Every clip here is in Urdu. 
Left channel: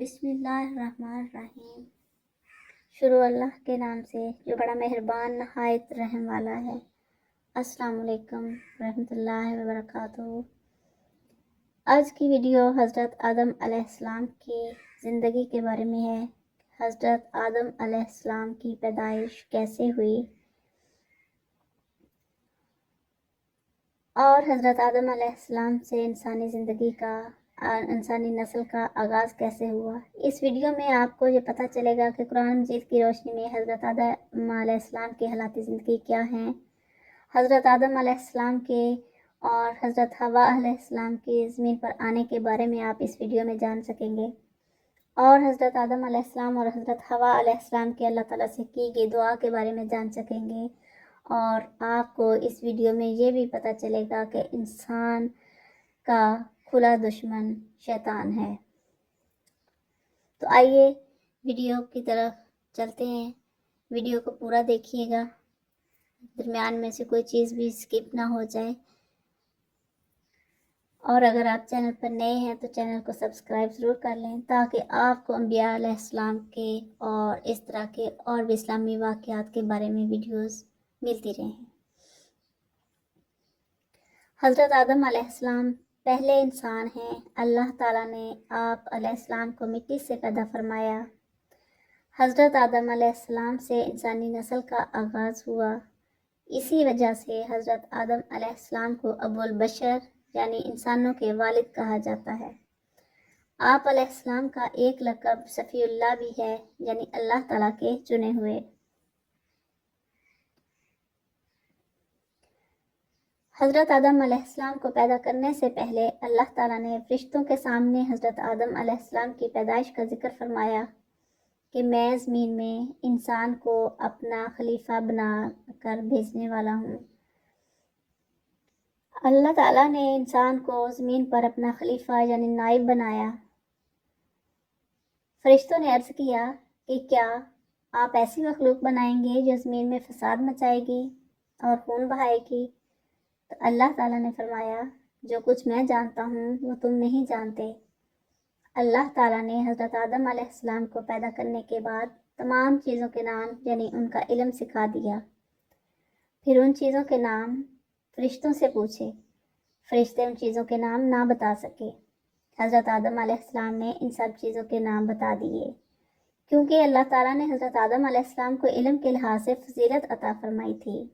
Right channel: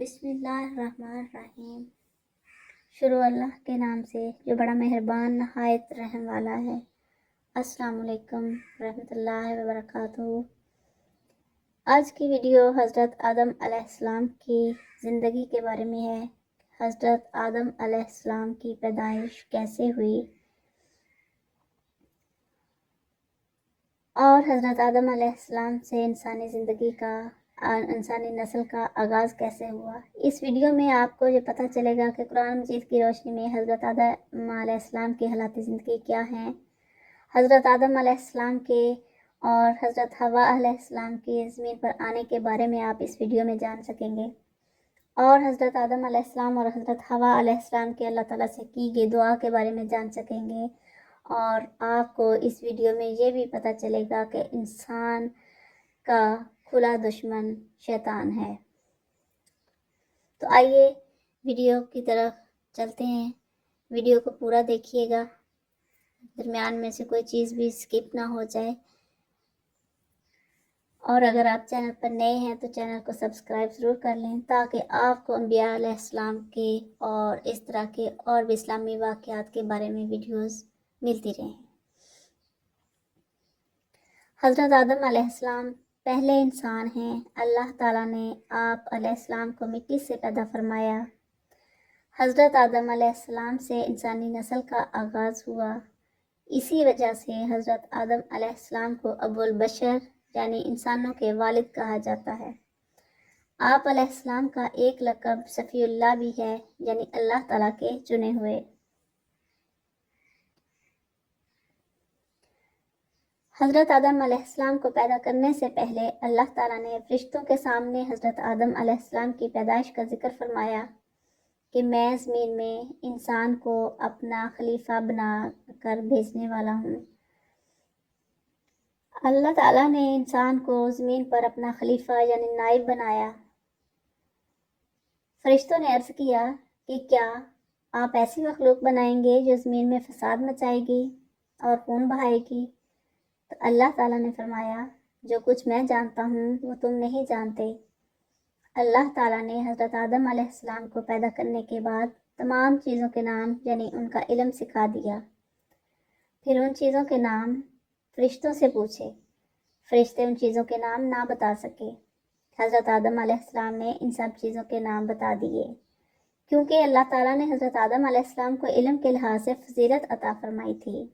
بسم اللہ الرحمن الرحیم۔ شروع اللہ کے نام سے جو بڑا مہربان نہایت رحم والا ہے۔ السلام علیکم ورحمۃ اللہ وبرکاتہ۔ آج کی ویڈیو حضرت آدم علیہ السلام کی زندگی کے بارے میں ہے۔ حضرت آدم علیہ السلام کی پیدائش کیسے ہوئی اور حضرت آدم علیہ السلام سے انسانی نسل کا آغاز کیسے ہوا۔ اس ویڈیو میں آپ کو یہ پتہ چلے گا کہ قرآن مجید کی روشنی میں حضرت آدم علیہ السلام کے حالات زندگی کیا ہیں، حضرت آدم علیہ السلام کے اور حضرت حوا علیہ السلام کی زمین پر آنے کے بارے میں آپ اس ویڈیو میں جان سکیں گے، اور حضرت آدم علیہ السلام اور حضرت حوا علیہ السلام کے اللہ تعالیٰ سے کی گئی دعا کے بارے میں جان سکیں گے، اور آپ کو اس ویڈیو میں یہ بھی پتہ چلے گا کہ انسان کا کھلا دشمن شیطان ہے۔ تو آئیے ویڈیو کی طرف چلتے ہیں۔ ویڈیو کو پورا دیکھیے گا، درمیان میں سے کوئی چیز بھی سکپ نہ ہو جائے، اور اگر آپ چینل پر نئے ہیں تو چینل کو سبسکرائب ضرور کر لیں تاکہ آپ کو انبیاء علیہ السلام کے اور اس طرح کے اور بھی اسلامی واقعات کے بارے میں ویڈیوز ملتی رہیں۔ حضرت آدم علیہ السلام پہلے انسان ہیں۔ اللہ تعالیٰ نے آپ علیہ السلام کو مٹی سے پیدا فرمایا۔ حضرت آدم علیہ السلام سے انسانی نسل کا آغاز ہوا۔ اسی وجہ سے حضرت آدم علیہ السلام کو ابو البشر یعنی انسانوں کے والد کہا جاتا ہے۔ آپ علیہ السلام کا ایک لقب صفی اللہ بھی ہے، یعنی اللہ تعالیٰ کے چنے ہوئے۔ حضرت آدم علیہ السلام کو پیدا کرنے سے پہلے اللہ تعالیٰ نے فرشتوں کے سامنے حضرت آدم علیہ السلام کی پیدائش کا ذکر فرمایا کہ میں زمین میں انسان کو اپنا خلیفہ بنا کر بھیجنے والا ہوں۔ اللہ تعالیٰ نے انسان کو زمین پر اپنا خلیفہ یعنی نائب بنایا۔ فرشتوں نے عرض کیا کہ کیا آپ ایسی مخلوق بنائیں گے جو زمین میں فساد مچائے گی اور خون بہائے گی؟ تو اللہ تعالیٰ نے فرمایا جو کچھ میں جانتا ہوں وہ تم نہیں جانتے۔ اللہ تعالیٰ نے حضرت آدم علیہ السلام کو پیدا کرنے کے بعد تمام چیزوں کے نام یعنی ان کا علم سکھا دیا۔ پھر ان چیزوں کے نام فرشتوں سے پوچھے۔ فرشتے ان چیزوں کے نام نہ بتا سکے۔ حضرت آدم علیہ السلام نے ان سب چیزوں کے نام بتا دیے، کیونکہ اللہ تعالیٰ نے حضرت آدم علیہ السلام کو علم کے لحاظ سے فضیلت عطا فرمائی تھی۔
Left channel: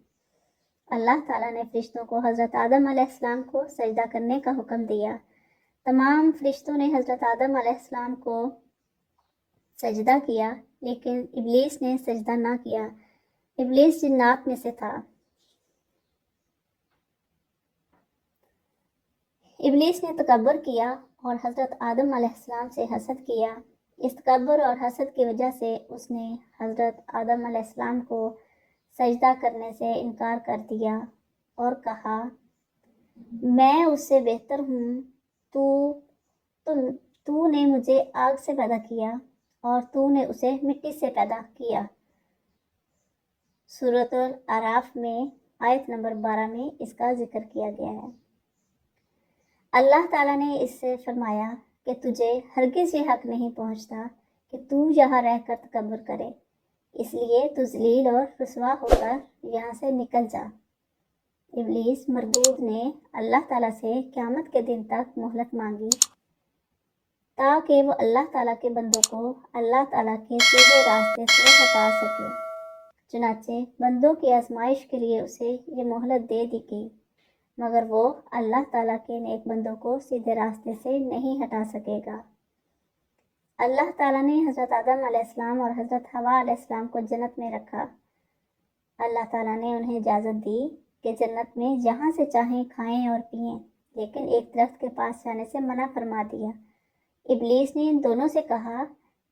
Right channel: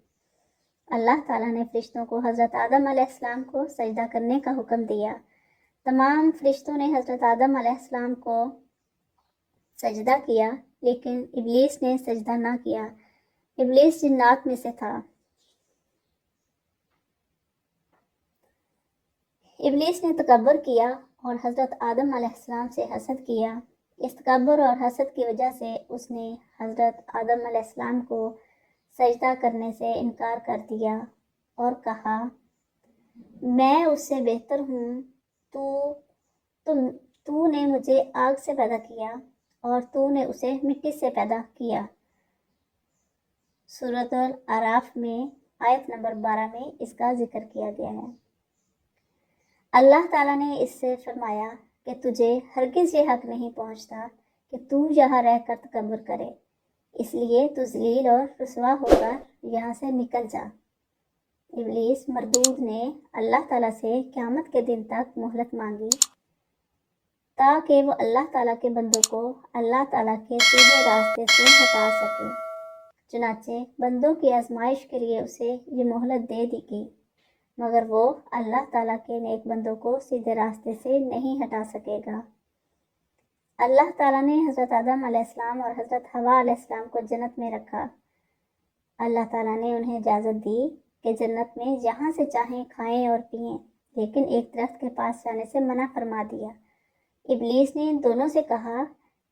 اللہ تعالیٰ نے فرشتوں کو حضرت آدم علیہ السلام کو سجدہ کرنے کا حکم دیا۔ تمام فرشتوں نے حضرت آدم علیہ السلام کو سجدہ کیا، لیکن ابلیس نے سجدہ نہ کیا۔ ابلیس جنات میں سے تھا۔ ابلیس نے تکبر کیا اور حضرت آدم علیہ السلام سے حسد کیا۔ اس تکبر اور حسد کی وجہ سے اس نے حضرت آدم علیہ السلام کو سجدہ کرنے سے انکار کر دیا اور کہا میں اس سے بہتر ہوں، تو نے مجھے آگ سے پیدا کیا اور تو نے اسے مٹی سے پیدا کیا۔ سورۃ الاعراف میں آیت نمبر 12 میں اس کا ذکر کیا گیا ہے۔ اللہ تعالیٰ نے اس سے فرمایا کہ تجھے ہرگز یہ حق نہیں پہنچتا کہ تو یہاں رہ کر تکبر کرے، اس لیے تو ذلیل اور رسوا ہو کر یہاں سے نکل جا۔ ابلیس مردود نے اللہ تعالیٰ سے قیامت کے دن تک مہلت مانگی تاکہ وہ اللہ تعالیٰ کے بندوں کو اللہ تعالیٰ کے سیدھے راستے سے ہٹا سکے۔ چنانچہ بندوں کی آزمائش کے لیے اسے یہ مہلت دے دی گئی، مگر وہ اللہ تعالیٰ کے نیک بندوں کو سیدھے راستے سے نہیں ہٹا سکے گا۔ اللہ تعالیٰ نے حضرت آدم علیہ السلام اور حضرت حوا علیہ السلام کو جنت میں رکھا۔ اللہ تعالیٰ نے انہیں اجازت دی کہ جنت میں جہاں سے چاہیں کھائیں اور پئیں، لیکن ایک درخت کے پاس جانے سے منع فرما دیا۔ ابلیس نے ان دونوں سے کہا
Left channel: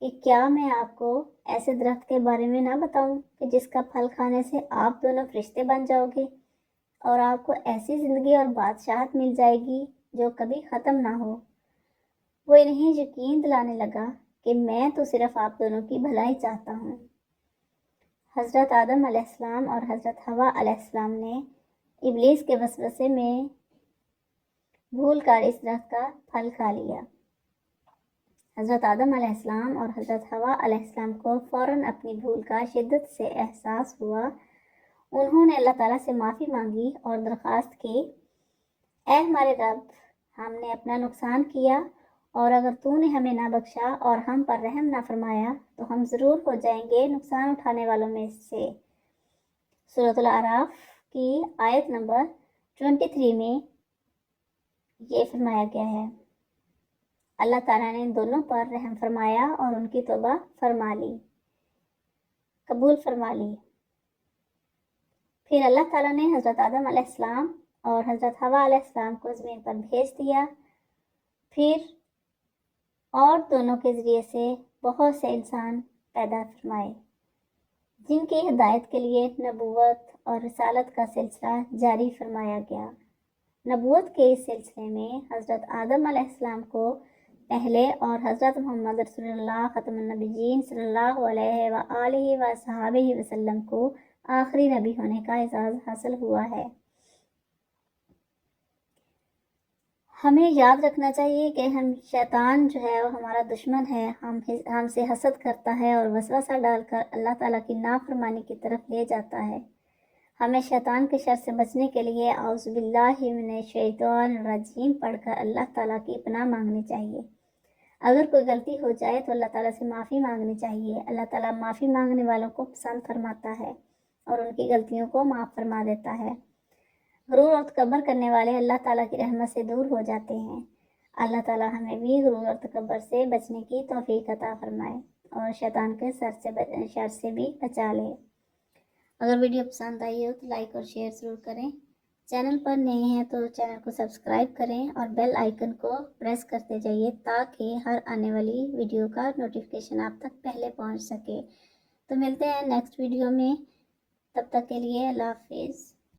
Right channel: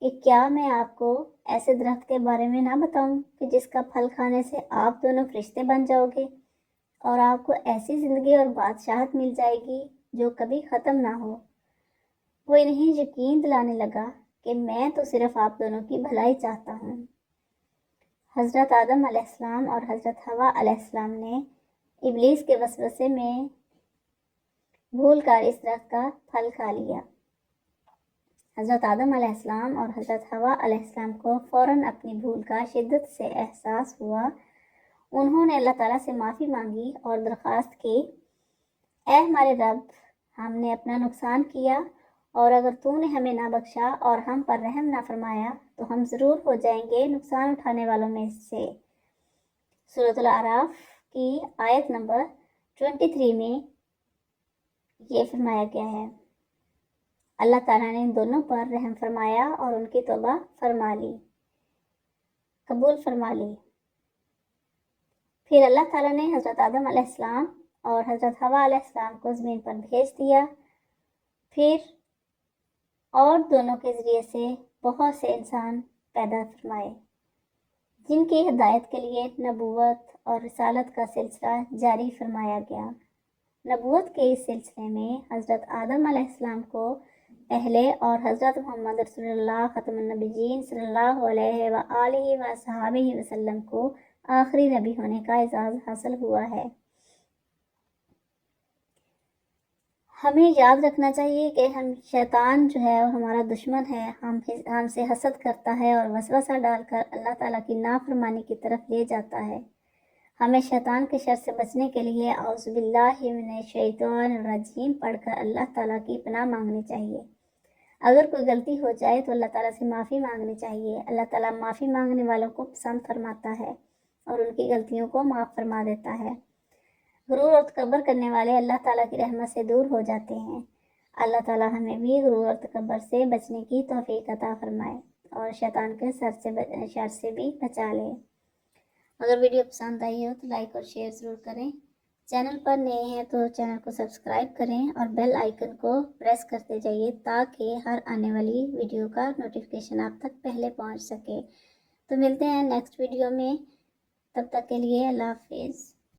کہ کیا میں آپ کو ایسے درخت کے بارے میں نہ بتاؤں کہ جس کا پھل کھانے سے آپ دونوں فرشتے بن جاؤ گے اور آپ کو ایسی زندگی اور بادشاہت مل جائے گی جو کبھی ختم نہ ہو۔ وہ انہیں یقین دلانے لگا کہ میں تو صرف آپ دونوں کی بھلائی چاہتا ہوں۔ حضرت آدم علیہ السلام اور حضرت حوا علیہ السلام نے ابلیس کے وسوسے میں بھول کر اس درخت کا پھل کھا لیا۔ حضرت آدم علیہ السلام اور حضرت حوا علیہ السلام کو فوراً اپنی بھول کا شدت سے احساس ہوا۔ انہوں نے اللہ تعالیٰ سے معافی مانگی اور درخواست کی، اے ہمارے رب، ہم نے اپنا نقصان کیا، اور اگر تو نے ہمیں نہ بخشا اور ہم پر رحم نہ فرمایا تو ہم ضرور ہو جائیں گے نقصان اٹھانے والوں میں سے۔ سورۃ الاعراف کی آیت نمبر 23 میں یہ فرمایا گیا ہے۔ اللہ تعالیٰ نے دونوں پر رحم فرمایا اور ان کی توبہ فرما لی، قبول فرما لی۔ پھر اللہ تعالیٰ نے حضرت آدم علیہ السلام اور حضرت حوا علیہ السلام کو زمین پر بھیج دیا، پھر اور دونوں کے ذریعے سے بہت سے انسان پیدا فرمائے جن کی ہدایت کے لیے نبوت اور رسالت کا سلسلہ جاری فرمایا گیا۔ نبوت کے اس سلسلے میں حضرت آدم علیہ السلام کو پہلے اور حضرت محمد رسول اللہ ختم النبیین صلی اللہ علیہ وآلہ وصحبہ وسلم کو آخری نبی ہونے کا اعزاز حاصل ہوا ہے۔ ہمیں یاد رکھنا چاہیے کہ شیطان جو ہے وہ ہمارا دشمن ہے، ہم سے حسد کرتا ہے اور وسوسہ ڈال کر اللہ تعالیٰ کی نافرمانی کی طرف لے جاتا ہے۔ ہمیں شیطان کے شر سے بچنے کے لیے اعوذ باللہ من الشیطان الرجیم پڑھ کر اللہ تعالیٰ کی پناہ مانگنی چاہیے۔ اگر کوئی غلطی ہو جائے تو اللہ تعالیٰ سے معافی مانگنی چاہیے۔ اللہ تعالیٰ معافی مانگنے والوں کو پسند فرماتا ہے اور ان کی غلطیوں کو معاف فرما دیتا ہے۔ غرور اور تکبر کرنے والے اللہ تعالیٰ کی رحمت سے دور ہو جاتے ہیں۔ اللہ تعالیٰ ہمیں بھی غرور اور تکبر سے بچنے کی توفیق عطا فرمائے اور شیطان کے شر سے بھی بچا لے۔ اگر ویڈیو پسند آئی ہو تو لائک اور شیئر ضرور کریں۔ چینل پر نئے ہیں تو چینل کو سبسکرائب کریں اور بیل آئیکن کو پریس کرتے جائیے تاکہ ہر آنے والی ویڈیو کا نوٹیفیکیشن آپ تک پہلے پہنچ سکے۔ تو ملتے ہیں نیکسٹ ویڈیو میں، تب تک کے لیے اللہ حافظ۔